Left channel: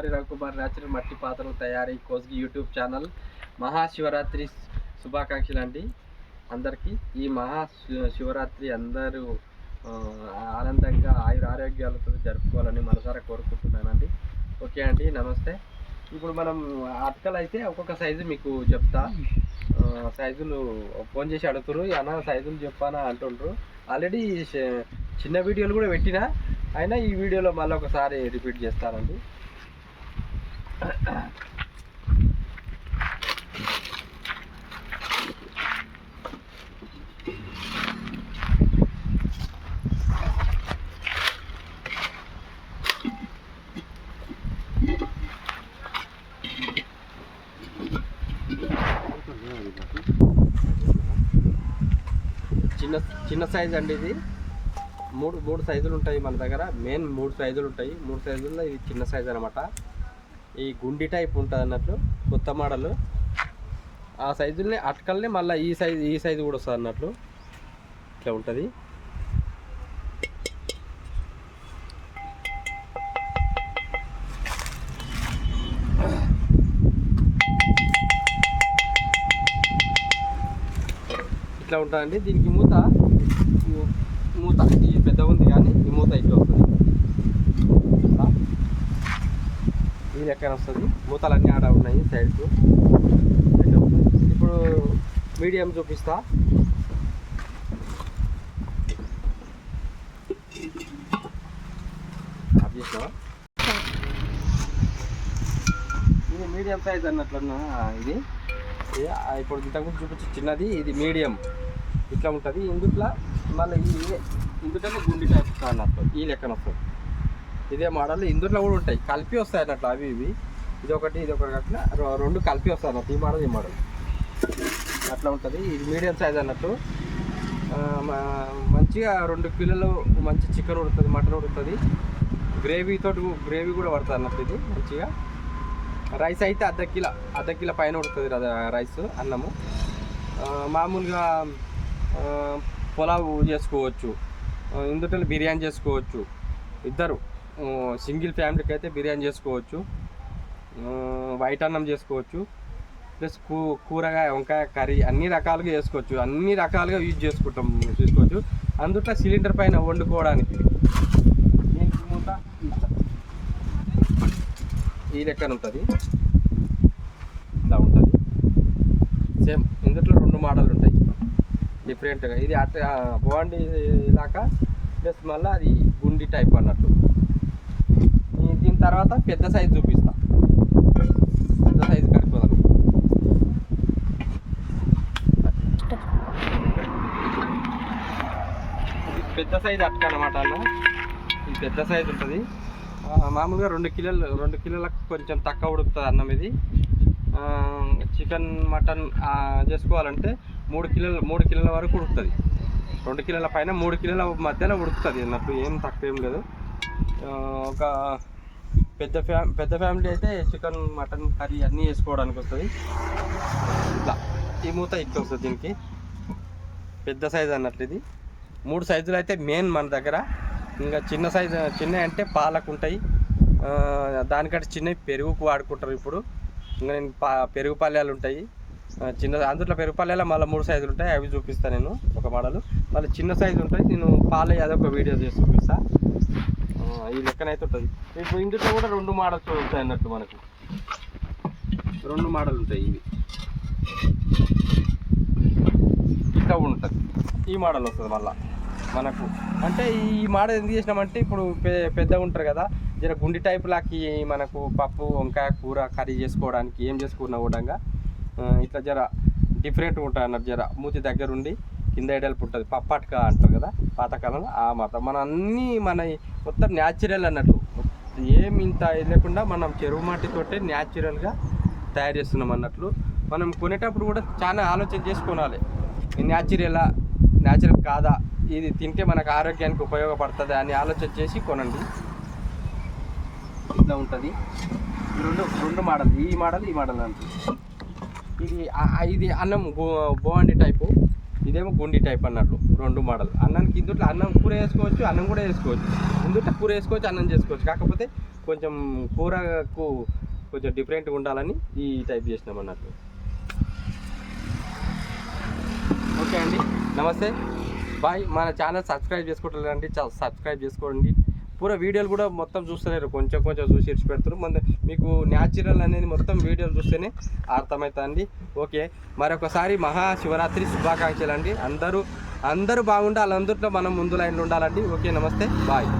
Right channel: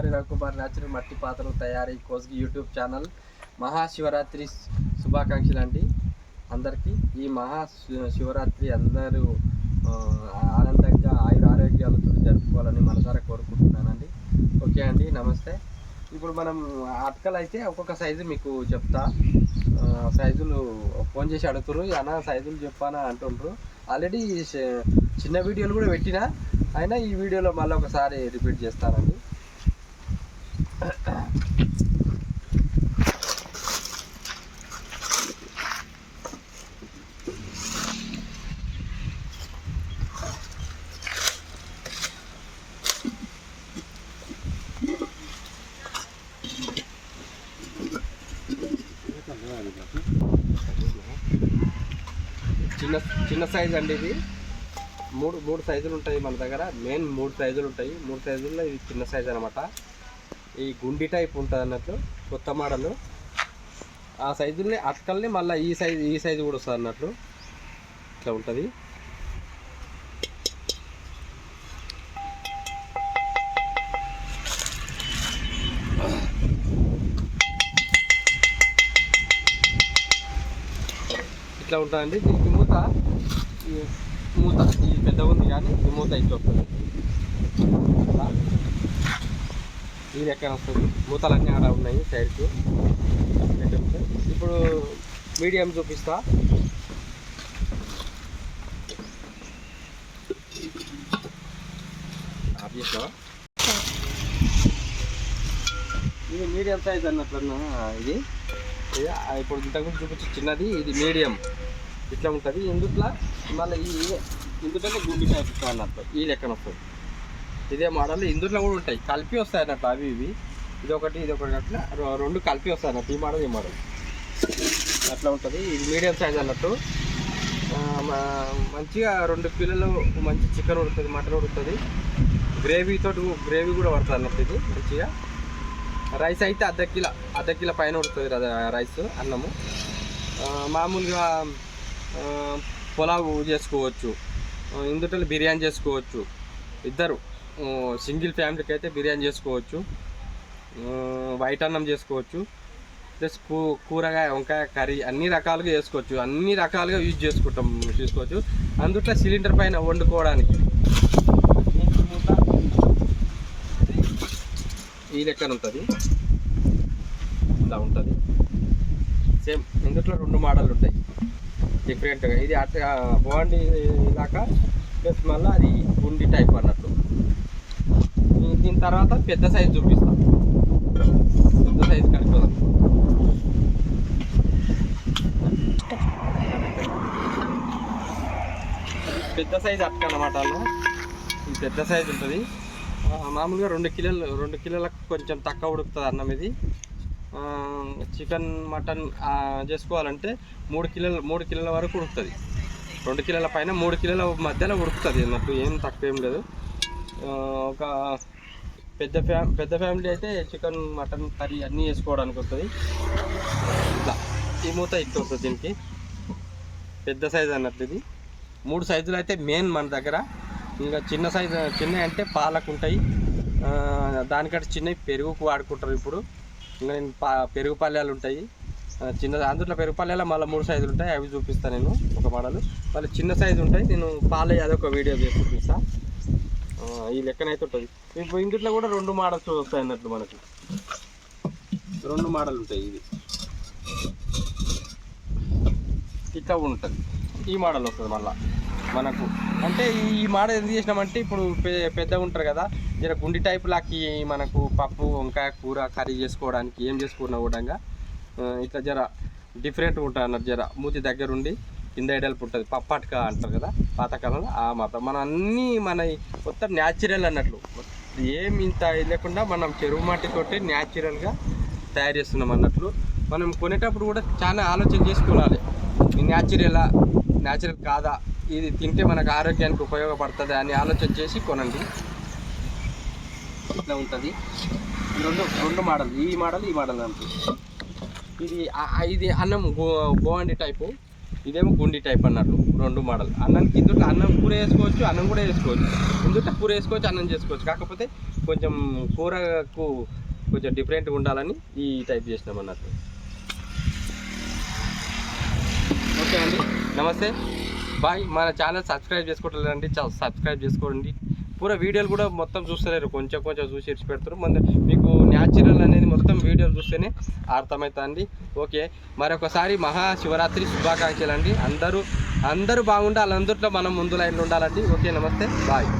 కుమ్మరి రవికుమార్ న్యాచురల్ మట్టి పాత్రలు తయారీ కోస్గి యూట్యూబ్ ఛానల్ మహాశివరాత్రి శుభాకాంక్షలు అండి అందరికీ. ఈ మహాశివరాత్రి అందరూ ఆనందంగా ఆరోగ్యాలతో జరుపుకోవాలని మనసారా కోరుకుంటున్నానండి. ఓకే అండి, నమస్తే. ఇప్పుడు మనం అటకలు అయితే ఒక్కొక్క సైజు మీకు చెప్తా. సైజులు ఫోన్ చేసి అడుగుతారు, అన్న సైజులు చెప్పానా అంటుండ్రు. ఆల్రెడీ చిన్న వీడియోలు కూడా పెట్టినా, అయినా ఈ వీడియోలో మళ్ళీ ఒకసారి రిపీట్ చేస్తానండి. చిన్న సైజు అండి ఇది. మూడు సైజులు ఉంటాయి మన దగ్గర. మెయిన్ 3 సైజులు ఉంటాయి. 3 సైజుల్లో ఇది చిన్న సైజు అనమాట. ఈ గుండి టైప్ ఉంటుంది అన్నట్లు, కొత్త మోడల్. ఆ సైజుల్ని అటకల్ని మళ్ళీ ఈ సైజు కూడా వస్తుంది అన్నట్లు. ఇట్లా ఉంటుంది. ఇట్లా ఉంటుందండి. దీనికి మూత ఈ పెద్ద ఉంది, కానీ ఈ మూత ఇట్లా వస్తుంది. ఈ లెక్కన వస్తుంది. మూతలన్నీ ఆడ ఉన్నాయి సైడ్కు. ఇప్పుడు మీడియం చూపిస్తా. ఇది మీడియం సైజ్ అన్నట్లన్నా. ఇది ఇప్పుడు ఇంతకుముందు చూపించి చిన్నది, ఇది మీడియం. ఇట్లా ఉంటుంది. ఇందుట్లో మళ్ళీ ఇందులో గుండి టైప్ వస్తుంది అన్నట్టు. ఈ లెక్కన వస్తుంది. ఇదే మోడల్ ఇందులో కూడా ఉంటాయి, కలిపి వస్తాయి అన్నట్టు. అవి ఇది ఒకటి అట్లా 2 కలిపి వస్తాయి అన్నట్టు. ఈ మోడల్ అట్లా ఉంటుంది. ఇది మీడియం సైజ్ అన్నట్టు. మంచిగా 2 కిలోలు మంచి చికెన్ ఉడుతుంది, మటన్ ఉడుతుంది. గ్రేవీ కూడా పడుతుంది అన్నట్టు. ఇది మంచిగా. రైస్ అయితే అర్ధ కిలో పైన ఉడుతుంది రైస్, అన్నము. మామూలుగా పులావ్ చేసుకోవచ్చు, ఇందులో బిర్యానీ చేసుకోవచ్చు. ఇద్దరు సింగిల్ ఫ్యామిలీకి అయితే బిర్యానీ చేసుకోవచ్చు, వైట్ అన్నం చేసుకోవచ్చు, ప్లస్ కూరగాయ వంకాయ కర్రీ అన్ని రకాలుగా చేసుకోవచ్చు. అన్ని రకాలుగా చేసుకోవచ్చు. అందుట్లో సిలిండర్ పైన వండుకోవడానికి దీనికి మూత ఈ లెక్కన ఉంటుంది. ఇలా ఉంటుంది. సేమ్ ఇందులో 2 మోడల్ ఉంటాయి డిఫరెంట్గా. ఇది బాగుండి ఇలాగా, ప్లస్ మళ్ళీ అది గుండి టైప్ అన్నట్టు. దీని తర్వాత పెద్ద సైజు చూపిస్తాం. పెద్ద సైజు కలుపుదాం. పెద్ద సైజు అట్క అన్నమాట. ఇది పెద్ద సైజు ఉంటుంది. మామూలుగా 2 కిలోలకు కొంచెం తక్కువ ఉడుకుతుంది అన్నం. ఇది చికెన్ మటన్ చేసుకోవాలంటే 3 కిలోల వరకు ఉడుకుతుంది. 2 కిలోల పైన 3 కిలోల మధ్యలో ఉడుకుతుంది అన్నట్టు. ఏం తక్కువ ఏం లేదు. ఒక పెద్ద ఫ్యామిలీ అయితే చికెన్ మటన్ కర్రీ అన్నీ చేసుకోవడానికి వస్తుంది. ఇట్లా ఈ మూత ఇట్లా వస్తుంది. దీనికి పెద్ద సైజు అన్నట్టు. ఇది 3 సైజులు అయితే మెయిన్ మన దగ్గర. ఇంకా చిన్న అంటే పాలకు ఉంటాయి, దానికంటే చిన్నవి పెరుగుకు వాడుకుంటారు. ఇప్పుడు ఇంకా నేను పెరుగు పల్లెలు ఉంటాయి చిన్న. అందులో పెరుగు పల్లెలో మళ్ళీ 3 సైజులు ఉంటాయి, అవి చూపిస్తాను నేను ఒక మోడల్. మళ్ళీ చిన్న సైజు ఉంటాయి, నేను పాలే అదొక వీడియో చేసి చూపిస్తాను. ఈ లెక్కనైతే ఉంటుంది. ఇప్పుడు ఇందులో కూడా 2 మోడల్స్ వస్తాయి అన్నట్లు. మనకు 2 మోడల్ ఉంటాయి. ఇవి ఇట్లా ఉంటుంది. ఈ మోడల్ వస్తుంది మళ్ళీ మనకు. అంటే ఈ మోడల్ ఎందుకు చేసినామంటే, ఇప్పుడు పెద్దగా ఉంటారు కదా, జర గుండి టైప్ లాకి మనకు పప్పు వంకాయ కూర కర్రీ చేసుకోవడానికి ఏం చేసుకున్నా కూడా ఇట్లా జర డిఫరెంట్గా ఉంటుంది అన్నట్టు. జర మూతి దగ్గరుండి కింద ఎడల్పు ఉంటుంది. పప్పట్క అంటారు కదా పాతకాలంలో, ఆ మాత్రం. మన అన్నీ మొత్తం న్యాచురల్ అన్నట్టు. ఏం ఇంత లేకుండా మనం చెరువు మట్టితోటి న్యాచురల్గా తయారు చేస్తున్నాం అన్నట్లు. మనం కొనేటప్పుడు కూడా చాలా ఆలోచన చేసుకోవాలి. న్యాచురల్ కాదా, ఇది తింటే మనకు ఆరోగ్యానికి ఉపయోగపడుతుంది అని ఆలోచన చేసి కొనండి. ఇట్లా ఉంటుంది. 2 మోడల్, ఈ మోడల్ అంటూ. ఇది అన్నం బోండి టైపు. ఇదేమో గుండి టైప్ అన్నట్లు 2 మోడల్. అన్నానికి ఇందుట్లో అన్నం కూర వేసుకోవచ్చు, అన్నం కూడా వేసుకోవచ్చు. ఇందుట్లో కూర వేసుకోవచ్చు, అన్నం చేసుకోవచ్చు. కాకపోతే కొంచెం కూరకు కొంచెం డిఫరెంట్గా ఉండాలని ఈ టైప్ చేసినాం అన్నట్లు. ఓకే అండి, నమస్తే, బాయ్. మన ఛానల్ సబ్స్క్రైబ్ చేసుకోవట్లేదండి, సబ్స్క్రైబ్ చేసుకోండి. పూరా వీడియోలు కూడా మొత్తం చూస్తలేరు, కొంచెం కొంచెం చూసి ఇచ్చి పెడతారు. మీకు న్యాచురల్ అనేది మొత్తం వీడియోలు చూస్తేనే అర్థమవుతుంది. ఓకే, మరొకసారి మహాశివరాత్రి శుభాకాంక్షలు అండి. అందరూ బాగుండాలి, అందరిలో మనం ముందు లైన్లో ఉండాలండి. ఓకే, నమస్తే, బాయ్.